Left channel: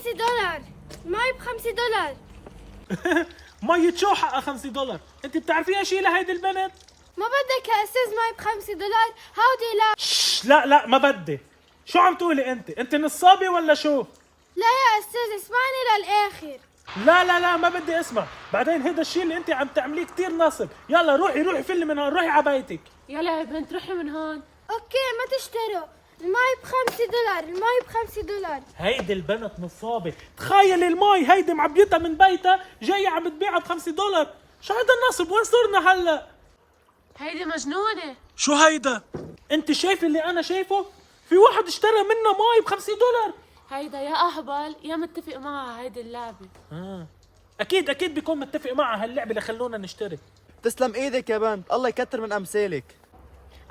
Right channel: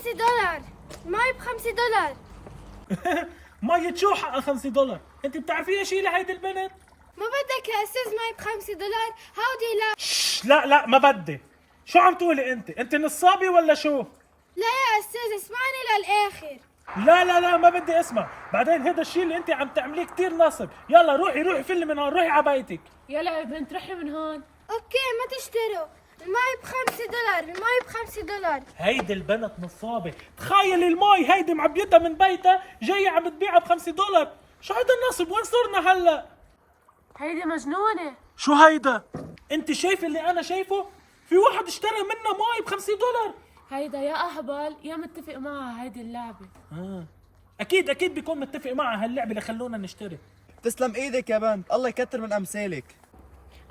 $5. المي $5. مية شو حقها $5؟ انت بتعرفيها شي لهيدي البنت؟ ما بدك يا استاذ مي $5؟ هودي لا. لا ما بدي. شو عم تقولي انت نصابة ولا شو؟ لا يا استاذ اسمعني للاخر. لا ما بدي اسمع. بعدين هذا الشيء اللي انت عم تعمليه كتير ناصب. يلا روحي فل من هون، روحي على بيتك. يلا يا بنت روحي من هون. اوكي ما تشتروا، المي $5، المي $5. هيدي البنت نصابة. تخيل الماي هيدي معبيتها من بيتها جاية عم تبيعها $5. شو هذا النصب؟ وين صرنا هلا؟ هيدي مجنونة. شو هيدا؟ انت شايف اللي انا شايفه؟ في واحد اشترى منا ماي $5. هيدا يا اهبل يا متفق معها هيدي اللعبة. اكيد بيكون متفق معها هاللعبة لخلونا نشتري. تسلم ايدك يا بنت، الله يكتر من امثالك.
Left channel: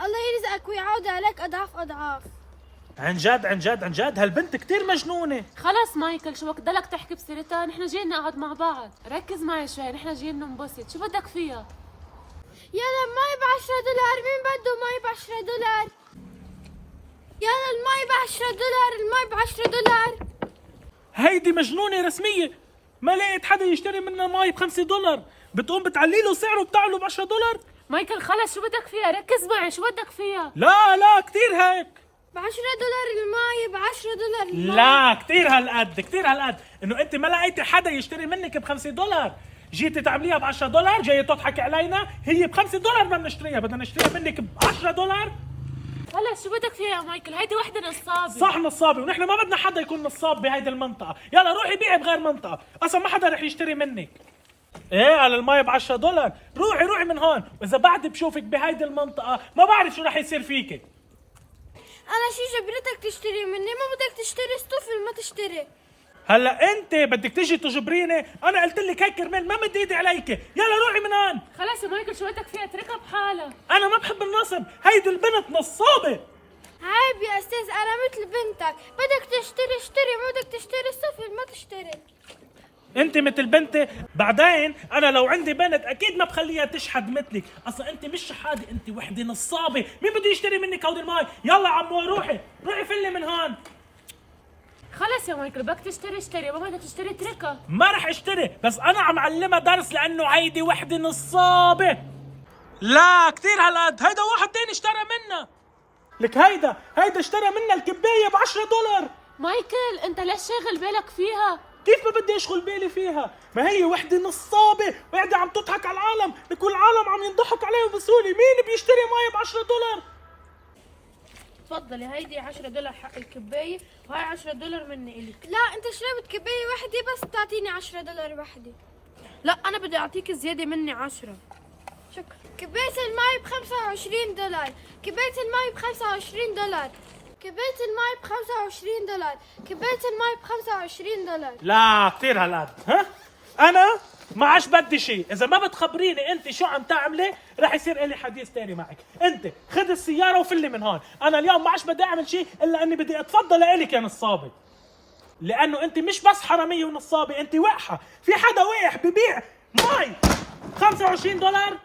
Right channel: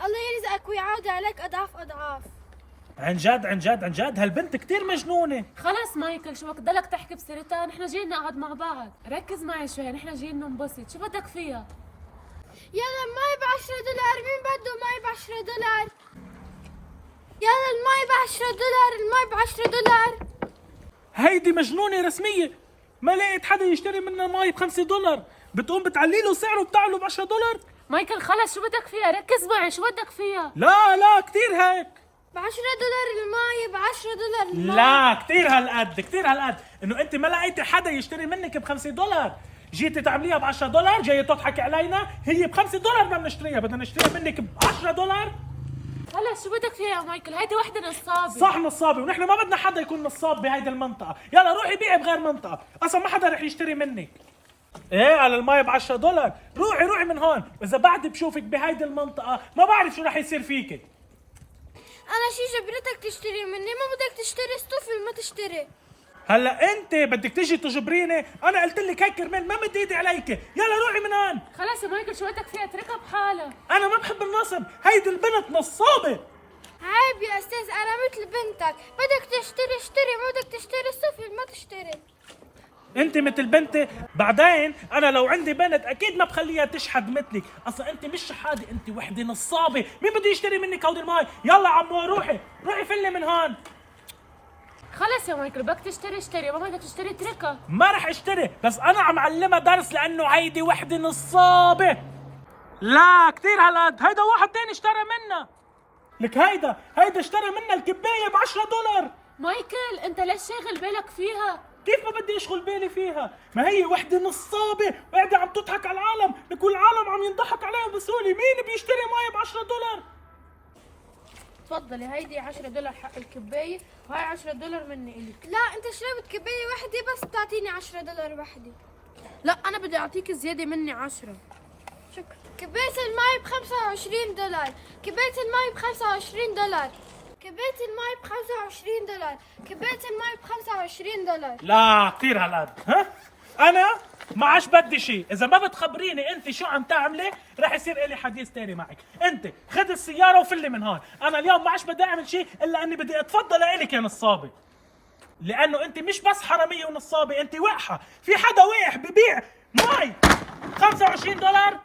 الله يرزقك ويعود عليك اضعاف اضعاف. عن جد هالبنت كتير مجنونة. خلص مايكل شو بدك ضلك تحكي بسيرتها؟ نحن جايين نقعد مع بعض، ركز معي شوي، نحن جايين ننبسط، شو بدك فيها؟ يلا المي $10، مين بده مي $10؟ يلا المي $10، المي $10. هيدي مجنونة رسمية. ما لقيت حدا يشتري منا ماي $5. بتقوم بتعلي له سعره بتاعه $10. مايكل خلص شو بدك فيها؟ ركز معي شو بدك فيها؟ لا كتير هيك. $10 المي، $10 المي. لا كتير هالقد انه انت ما لقيتي حدا يشتري منك $5. جيتي تعمليها $10، جاي تضحكي علينا. هي $5 بدنا نشتريها، بدنا نشتريها منك $10. خلص شو بدك فيها يا مايكل؟ هيدي وحدة نصابة. صح نصابة، ونحن ما بدنا حدا يكون نصاب بهيدي المنطقة. يلا روحي بيعي بغير منطقة، اصلا ما حدا رح يشتري منك. ايه على المي $10. روحي من هون، واذا بعد بشوفك بهيدي المنطقة ما بعرف شو رح يصير فيكي. انا شي جبرتك تشتري مني؟ ما بدك تشتري استوفل ما تشتري. هلا انت بدك تيجي تجبريني؟ انا قلت لك هيك كرمال ما مد ايدي عليك. يلا روحي من هون. خلص يا مايكل شو بدك فيها؟ اتركها بحالها. انا ما بحب النصب، هيدي البنت نصابة. عيب يا استاذ، انا مثل بنتك، بدك تشتري اشتري، ما بدك تشتري استوفل ما تشتري. انت مثل بنتي. بعدين انا لو عندي بنت اكيد ما بخليها تشحد مثلك. اصلا انت مش شحاده، انت وحده نصابه. مين بده يشتري منك هودي الماي؟ يلا عمو روحي فلي من هون. خلص يا مايكل بدك تشتري اشتري، ما بدك تشتري اتركها. ما رح اشتري، بس انا عم علمها درس لانه هيدي وحده نصابه. لا كثير هالقد. هيدا واحد تاني اشترى منا. لك هيدا اشترى منا الكبايه $10. مايكل انت ليش شاغل بالك فيها؟ كيف ما بدي اشغل بالي فيها؟ ما هي وحده نصابه وقاعده عم تضحك على العالم. لك العالم عم ينضحك عليهم بسهوله. مين بيشتري ماي $10؟ تفضلي هيدي $10 حق الكباية، وهي $10 مني إلك. لا انت شربت كباية وحدة بس تعطيني $10 وحدة. لا أنا بدي أعطيك زيادة مني 10. شكرا. كباية المي $25، كباية المي $25، كباية المي $25، كباية المي $25. لا كثير هالقد. ها انا ما عادش بدي شيء. اذا ما بتخبريني انت شو عم تعملي رح يصير لي حديث تاني معك. انت خذ السياره وفلي من هون. انا اليوم ما عادش بدي اعمل شيء الا اني بدي اتفضل لك يا نصابه. لانه انت مش بس حراميه ونصابه، انت وقحه. في حدا وقح ببيع مي $25؟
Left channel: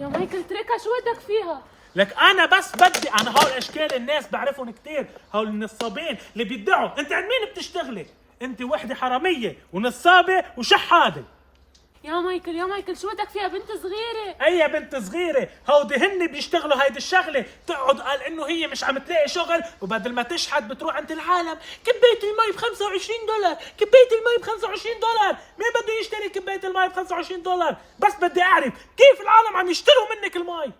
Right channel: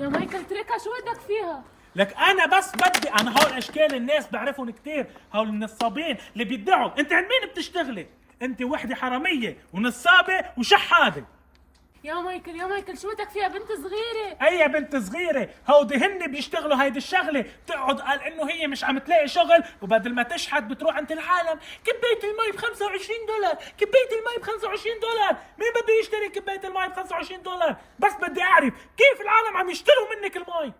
يا مايكل اتركها شو بدك فيها؟ لك انا بس بدي. انا هول اشكال الناس بعرفهم كثير، هول النصابين اللي بيدعوا. انت عند مين بتشتغلي؟ انت وحده حراميه ونصابه وشحاده. يا مايكل شو بدك فيها؟ بنت صغيرة. هي بنت صغيرة. هودي هن بيشتغلوا هيدي الشغلة. تقعد قال انه هي مش عم تلاقي شغل، وبدل ما تشحد بتروح عند العالم. كباية المي $25، كباية المي $25. مين بده يشتري كباية المي $25؟ بس بدي اعرف كيف العالم عم يشتروا منك المي.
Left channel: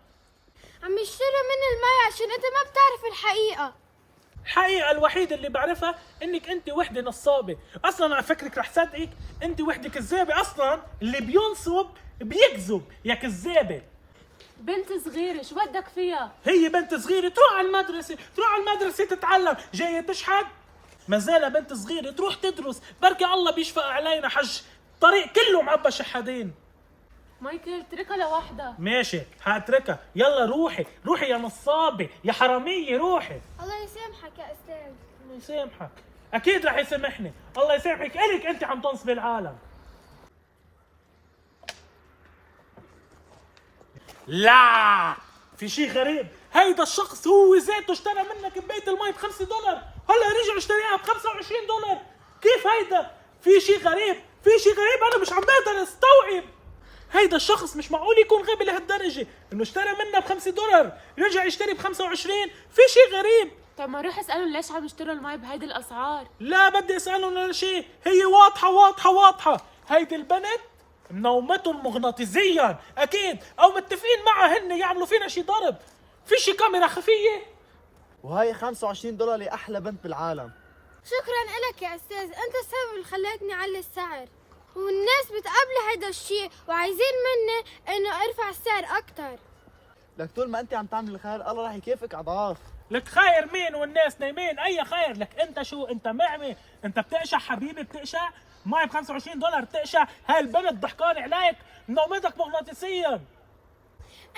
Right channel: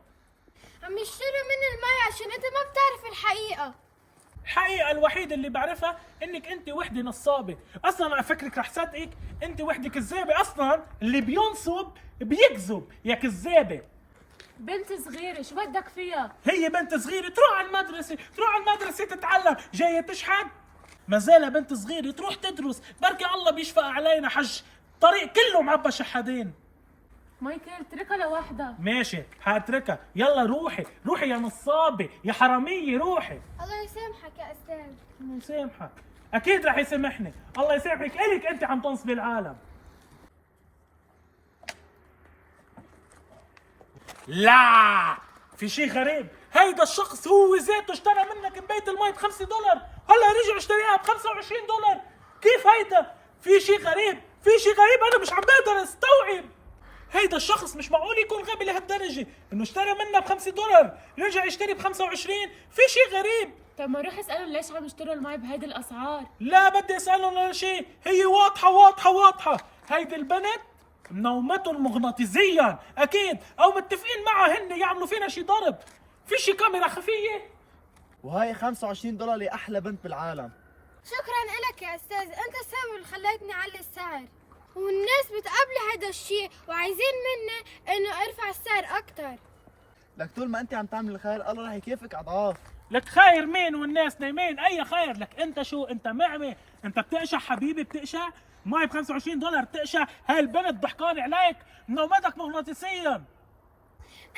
عم يشتروا من المي عشان انت ما بتعرف الحقيقة. الحقيقة الوحيدة اللي بعرفها انك انت وحدة نصابة. اصلا على فكرك رح صدقك، انت وحدة كذابة. اصلا اللي بينصب بيكذب يا كذابة. بنت صغيرة شو بدك فيها؟ هي بنت صغيرة تروح على المدرسة تتعلم. جاية تشحد؟ ما زالها بنت صغيرة تروح تدرس. بركي الله بيشفق علينا حج. الطريق كله معبى شحادين. مايكل اتركها لوحدها. ماشي حاتركها. يلا روحي يا نصابة يا حرامية روحي. الله يسامحك يا استاذ. الله يسامحك. اكيد رح يسامحني. الله يسامحك. الك انت عم تنصبي العالم. لا في شيء غريب. هيدا الشخص هو ذاته اشترى منك كباية المي ب$5، هلا رجع اشتريها ب$25. كيف هيدا؟ في شي غريب، في شي غريب، انا مش عم بقدر استوعب. هيدا الشخص مش معقول يكون غبي لهالدرجة انه اشترى منها ب$5 رجع يشتري ب25. في شي غريب. طب ما روح اسألهم ليش عم يشتروا المي بهيدي الأسعار. لا بدي اسألهم ولا شيء، هي واضحة واضحة واضحة. هيدي البنت منومتهم مغناطيسيا اكيد، او متفقين معها هن يعملوا فينا شي ضرب. في شي كاميرا خفية. وهي $25 لأحلى بنت بالعالم. شكرا لك يا استاذ، انت السبب اللي خليتني اعلي السعر، والناس بتقبل هيدا الشيء وعايزين مني انه ارفع السعر اكتر. لك طول ما انت عم تعمل الخير الله راح يكافئك اضعاف. لك خير مين والناس نايمين؟ اي خير لك انت؟ شو انت معمي؟ انت بتقشع حبيبي، بتقشع ماي ب$25 بتقشع. هاي البنت ضحكان عليك، منومتك مغناطيسيا.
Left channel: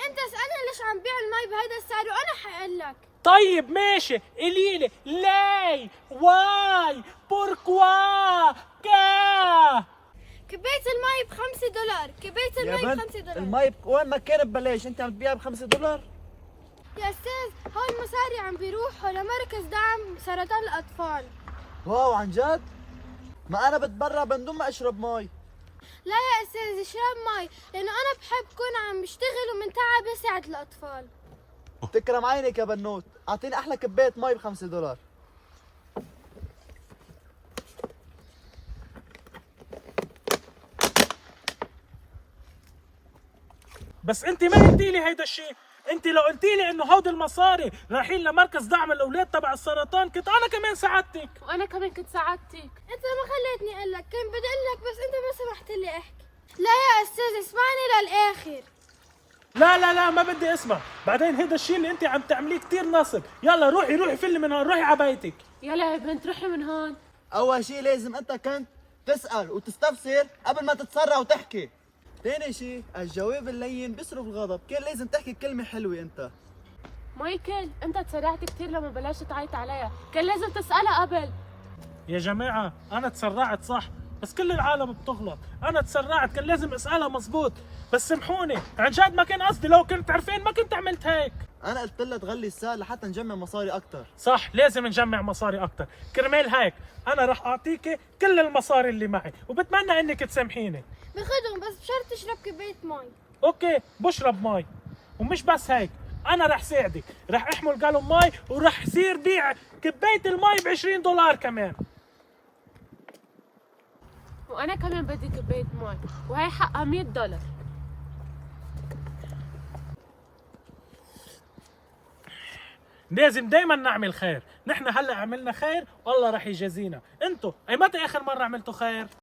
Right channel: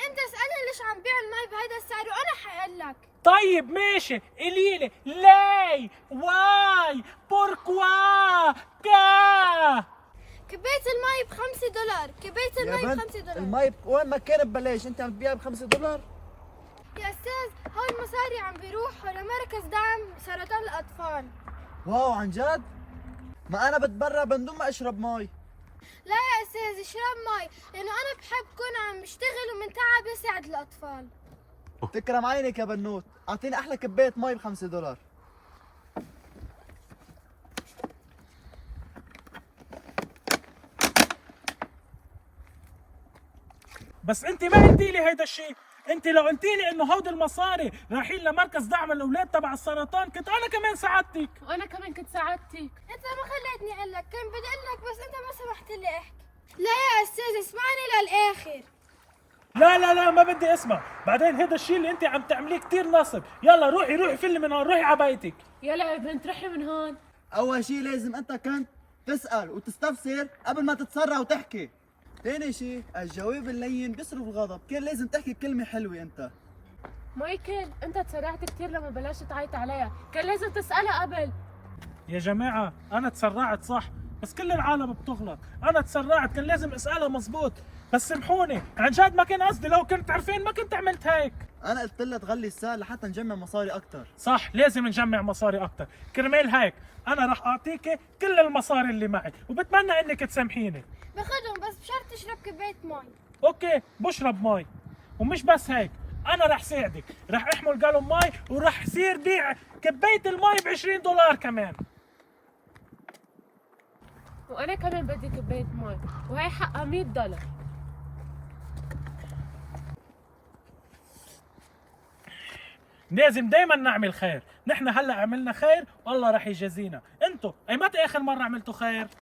انت اسألني ليش عم بيع المي بهيدا السعر وانا حقول لك. طيب ماشي، قليلي لي واي بوركوا كا. كباية المي ب$5، كباية يا المي بنت ب$5. المي وين ما كان ببلاش انت عم تبيعها ب$5. يا استاذ هول المصاري عم بيروحوا لمركز دعم سرطان الاطفال. واو عن جد؟ ما انا بتبرع من دون ما اشرب مي. لا يا استاذ اشرب مي، لانه انا بحب كون عم بشتغل ومن تعب يساعد الاطفال. تكرم عينك يا بنوت، اعطيني احلى كباية مي ب$5. بس انت ما قلتي لي هيدا الشيء. انت لو قلتي لي انه هودي المصاري رايحين لمركز دعم الاولاد تبع السرطان كنت انا كمان ساعدتك. وأنا كمان كنت ساعدتك. انت ما خليتني اقول لك، كنت بدي اقول لك بس انت ما سمحت لي احكي. لا يا استاذ اسمعني للاخر. لا ما بدي اسمع. بعدين هيدا الشيء اللي انت عم تعمليه كثير نصب. يلا روحي فل من هون، روحي على بيتك. يلا يا بنت روحي من هون. اول شيء لازم انت كنت تسأل وتستفسر قبل ما تتسرع وتحكي. ثاني شيء الجواب اللين بيصرف الغضب، كان لازم تحكي كلمة حلوة انت. مايكل انت تسرعت كثير لما بلشت تعيط عليها، كان لازم تسألها قبل. يا جماعة أنا تسرعت صح، بس كل العالم بتغلط. أنا تسرعت، كان لازم أسألها مزبوط. بس سامحوني عن جد ما كان قصدي، لو كنت عارفين ما كنت عملت هيك. انا قلت لها تغلي السعر لحتى نجمع مصاري اكثر. صح، لازم نجمع مصاري أكتر. كرمال هيك أنا رح أعطيك كل المصاري اللي معي، وبتمنى إنك تسامحيني. باخدهم بس بشرط تشرب كباية مي. أوكي بشرب مي. ومش بس هيك، أنا رح ساعدك، رح أحمل جالون مي ورح صير بيع كباية المي ب$20 كمان. وأنا كمان بدي كباية مي، وهي حقها $100. لازم دايما نعمل خير. نحن هلا عملنا خير والله رح يجازينا. انتو اي متى اخر مرة عملتوا خير؟